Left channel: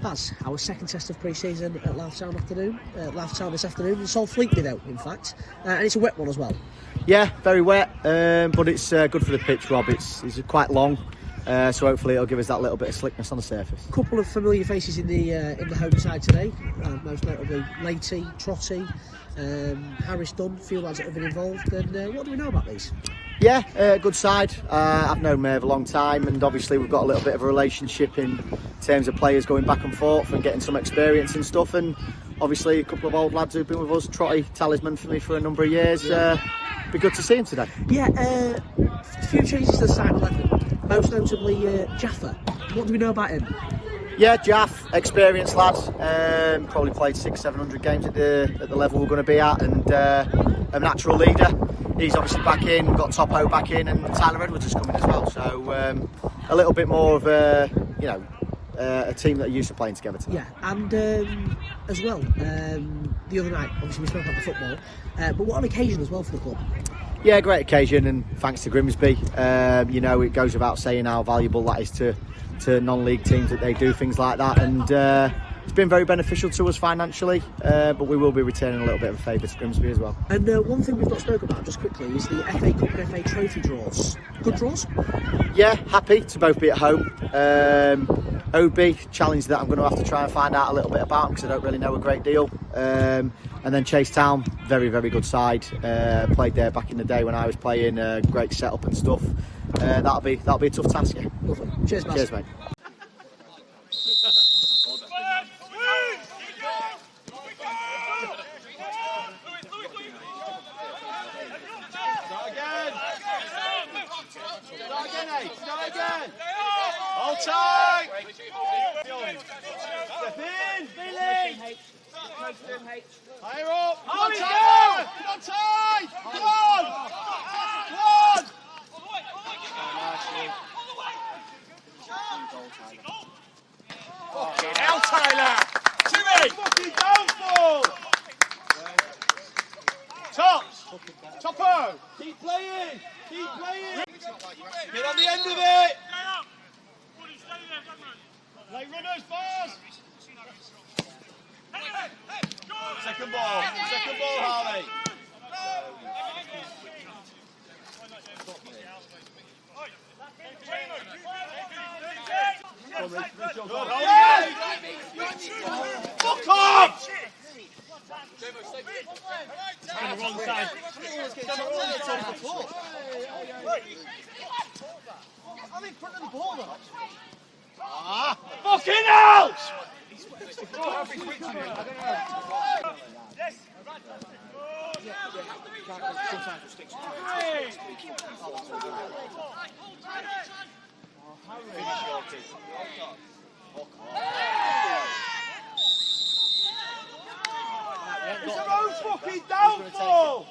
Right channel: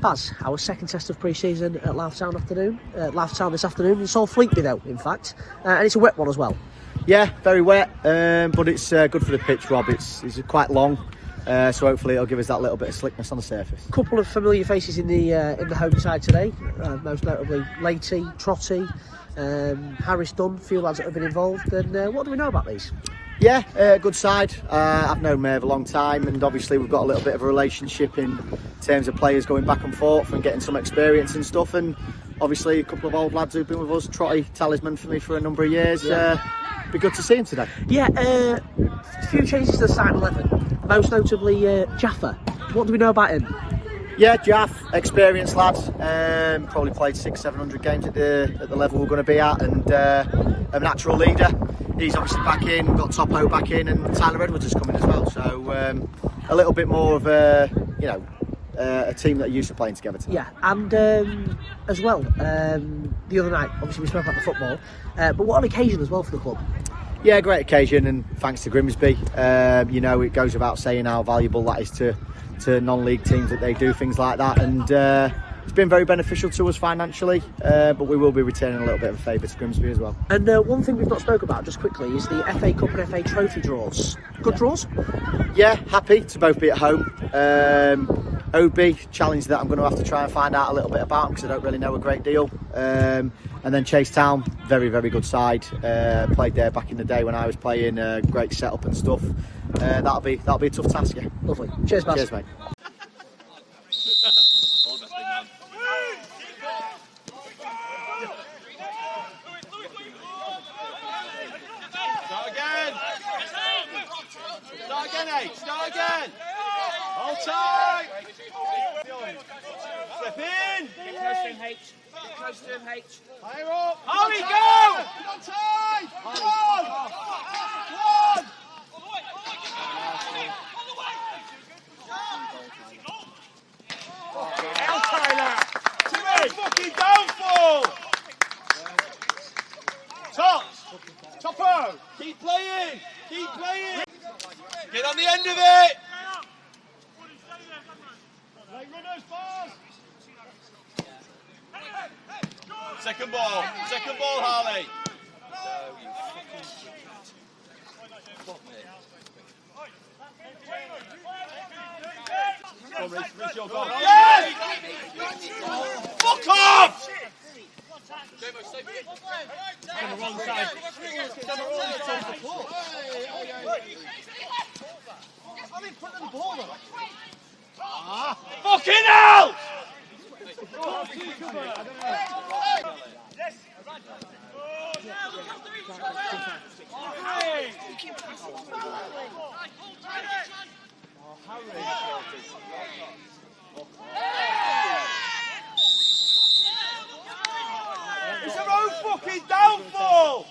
Baz, our second test of pre-season at Louth Town this afternoon. It's all Fleetby though, in fact, and it's a wet one as well. Yeah, very wet, but it's good for the pitch, Rob. It's quite long, so hopefully it'll give us that little bit of slickness on the surface. A couple of familiar faces in the home side today, most notably Leahy, Trotty, Harris Dunn, a few lads that have been involved. And what do we know about these? Yeah, good side. I've known Merv a long time, and obviously we've got a little bit of a relationship in terms of players going back and forth and getting some experience and stuff. And obviously a couple of old lads who've been with us, Trotty, talisman for me for a number of years. Be good to see him today. Yeah, a few changes to the starting 11, most notably Jaffa. What do we know about him? Yeah, Jaff, experienced lad, probably played 600-700 games at the level we're going to be at, and a natural leader. He's obviously back in, we've got Topo back in, and Tyler Edwards is coming as well, so a little bit more of a team that are used to playing together tonight. Yeah, and as well, the other night, obviously we spoke about the football, but what an occasion as well for the club. Yeah, great occasion, and thanks to Grimsby. It goes without saying how valuable that is to non-league teams that they do things like that, and it's been very beneficial to us financially, but we will be returning a little bit of a favour to Grimsby as well. And one thing we've not spoken about just quickly is the FA Cup and FA Trophy draws. Good draws? Yeah, happy to both be at home. OB, challenge that I'm going to have to try and find out a little bit about because I don't really know a great deal. And then Chase Town, very, very good side. Played there back in the day when I was playing. Great setup and stuff. That'll be a tough task. Yeah. Lovely. Cheers, Baz. Cheers, mate. Start again. Hold tight. Step in. Close to him, H. Higher up. How we go? On tight. Come on. Come on. Now, Tyler. To it. Fucking downfall. Tops. Topo. Keep playing. Keep playing. Get on the end of it. Like runners, boss. Second ball, Harley. Fuck off! On the wrong side. I'm in front of the ball, though. Fucking hell! Yes. It's their own fucking downfall!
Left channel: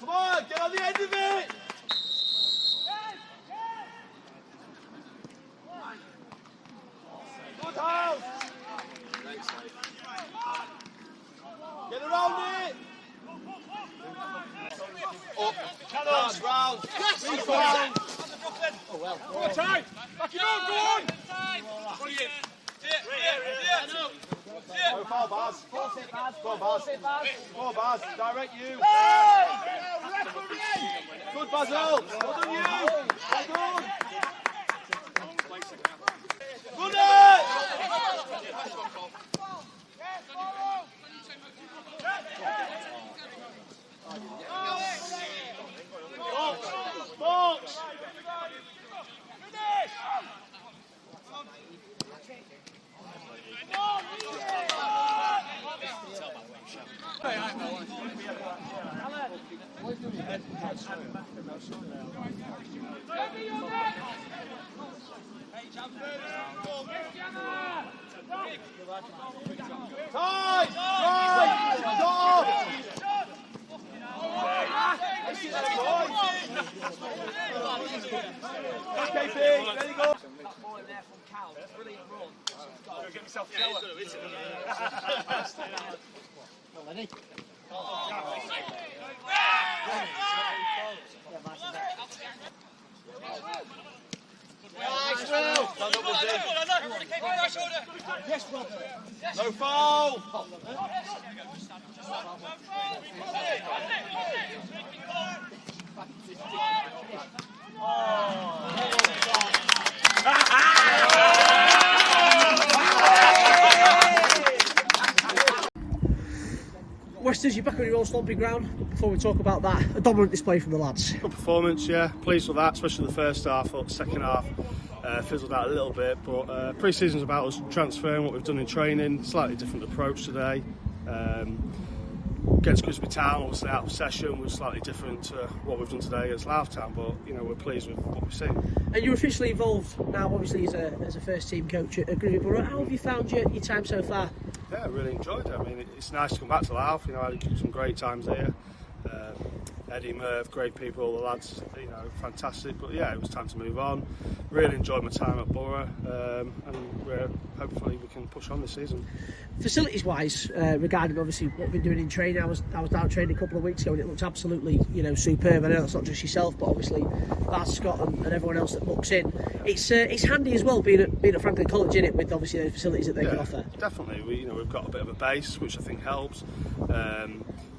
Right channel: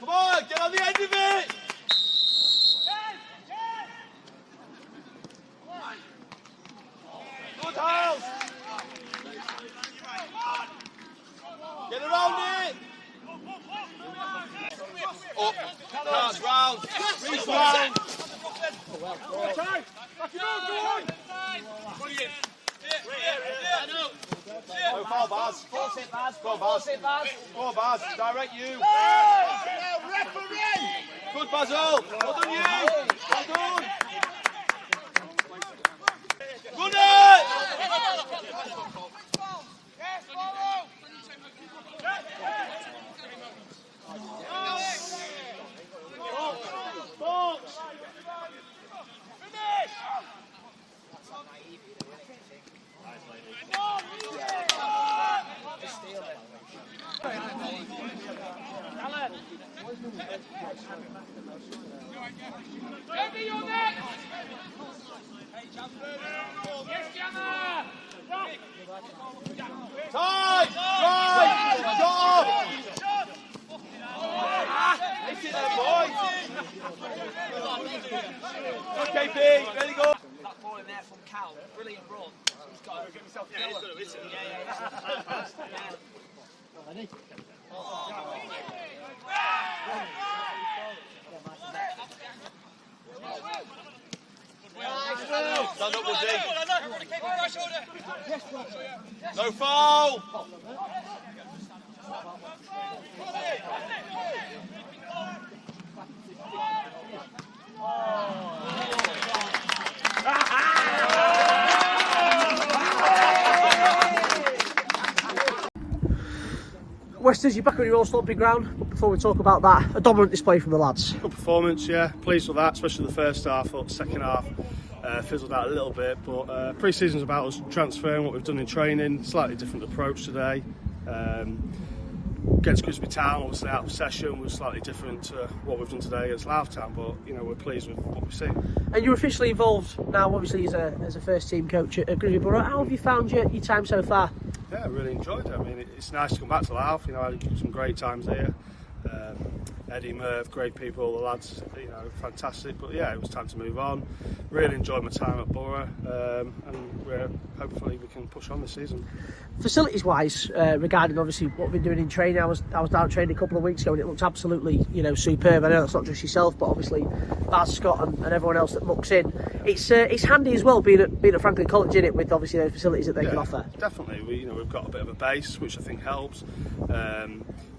Come on, get on the end of it! Good house! Get around it! Up, pass round, reach round! Time! Back it up, brilliant! Go far, Baz. Go, Baz. Go, Baz. Direct you. Good, Basil. Well done, you. Well done. Good it! Box. Finish! Come on! No foul! Westers, you're back on your own stomping ground. But before we talk about that, a dominant display from the lads. Good performance, yeah. Pleased with that, especially the first half. Thought the second half fizzled out a little bit, but pre-season's about us transferring what we've done in training. Slightly different approach today. Against Grimsby Town, obviously out of session, was slightly different to what we've done today against Louth Town, but you know, we're pleased with what we've seen. And you're officially involved now, obviously, as a first team coach at Grimsby Borough. How have you found your time so far? Yeah, I really enjoyed it. I mean, it's nice to come back to Louth. You know, I had some great times there. Eddie, Merv, great people, the lads, you know, fantastic. But yeah, it was time to move on. Really enjoyed my time at Borough, and hopefully we can push on this season. Facilities wise, regarding obviously what we've been doing in training, I was down training a couple of weeks ago and it looked absolutely, you know, superb. I know that's not just yourself, but obviously Baz, Scott and everyone else that looks in. It's handy as well being at Franklin College, in it, with obviously those facilities that they can offer. Definitely, we've got a bit of a base, which I think helps.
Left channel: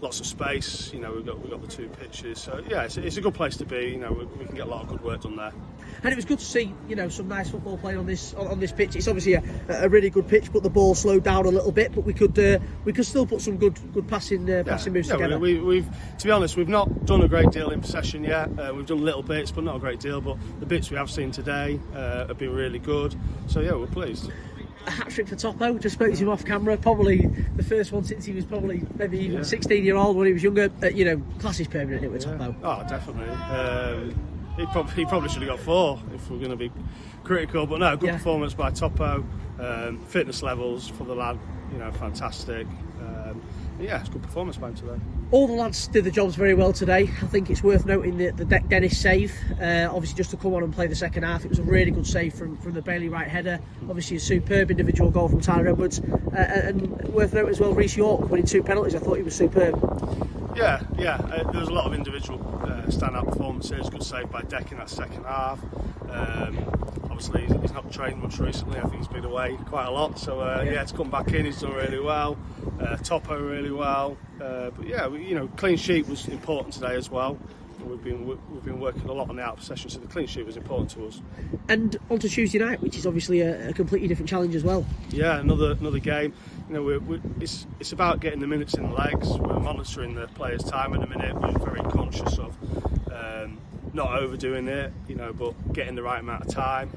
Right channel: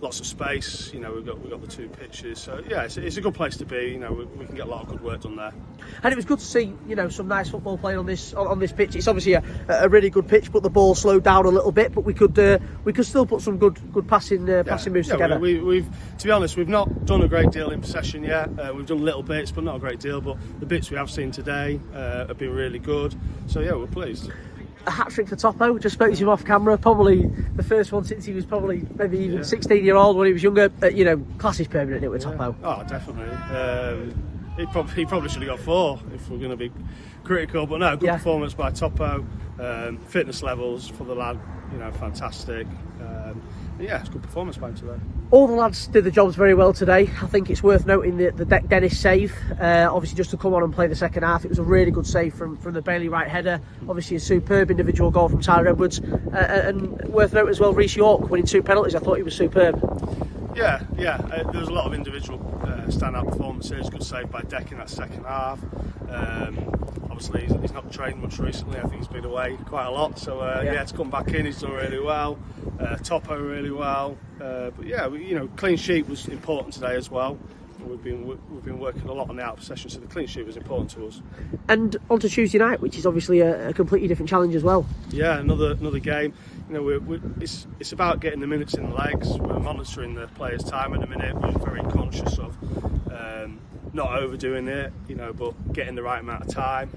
Lots of space, you know, we've got the two pitches, so yeah, it's a good place to be. You know, we can get a lot of good work done there. And it was good to see, you know, some nice football playing on this pitch. It's obviously a really good pitch, but the ball slowed down a little bit. But we could still put some good passing moves together. We've to be honest, we've not done a great deal in possession yet. We've done little bits, but not a great deal. But the bits we have seen today have been really good. So yeah, we're pleased. A hat-trick for Topo. Just spoke to him off camera. Probably the first one since he was probably maybe even 16-year-old when he was younger. You know, class is permanent, isn't it, with Topo? Oh, definitely. He probably should have got 4 if we're going to be critical. But no, good performance by Topo. Fitness levels for the lad, you know, fantastic. Yeah, it's a good performance by him today. All the lads did the jobs very well today. I think it's worth noting the Dennis save. Obviously, just to come on and play the second half, it was a really good save from the Bailey Wright header. Obviously, a superb individual goal from Tyler Edwards. And worth noting as well, Reece York winning 2 penalties. I thought he was superb. Yeah. There was a lot of individual stand-up performances. Good save by Deck in that second half. Obviously, he's not trained much recently. I think he's been away quite a lot. So to come back in, he's done really well. Topo really well. But yeah, clean sheet was important today as well. We've been working a lot on the out of possession, so the clean sheet was important to us. And on to Tuesday night, which is obviously a completely different challenge as well. Yeah, another game. You know, it's about getting the minutes in the legs. We're monitoring the players' time in a minute. We're very conscious of not overdoing it, you know, but getting the right amount of time.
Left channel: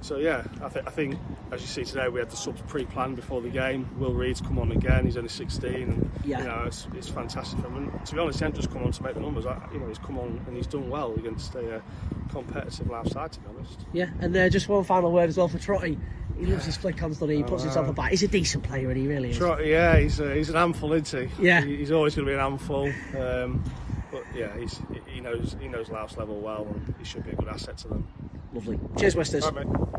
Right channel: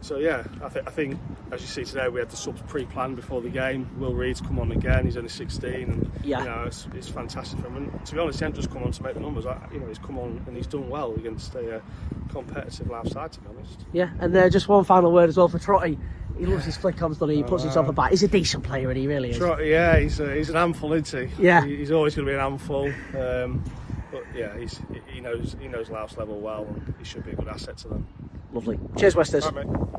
So yeah, I think as you see today, we had the subs pre-planned before the game. Will Reed's come on again. He's only 16, and you know, it's fantastic for him. And to be honest, he hasn't just come on to make the numbers. You know, he's come on and he's done well against a competitive Louth side, to be honest. Yeah, and just one final word as well for Trotty. He loves his flick-ons, doesn't he? He puts himself about. He's a decent player, and he really is. Trotty, yeah, he's an handful, isn't he? Yeah, he's always going to be an handful. But yeah, he knows Louth's level well, and he should be a good asset to them. Lovely. Cheers, Westers. All right, mate.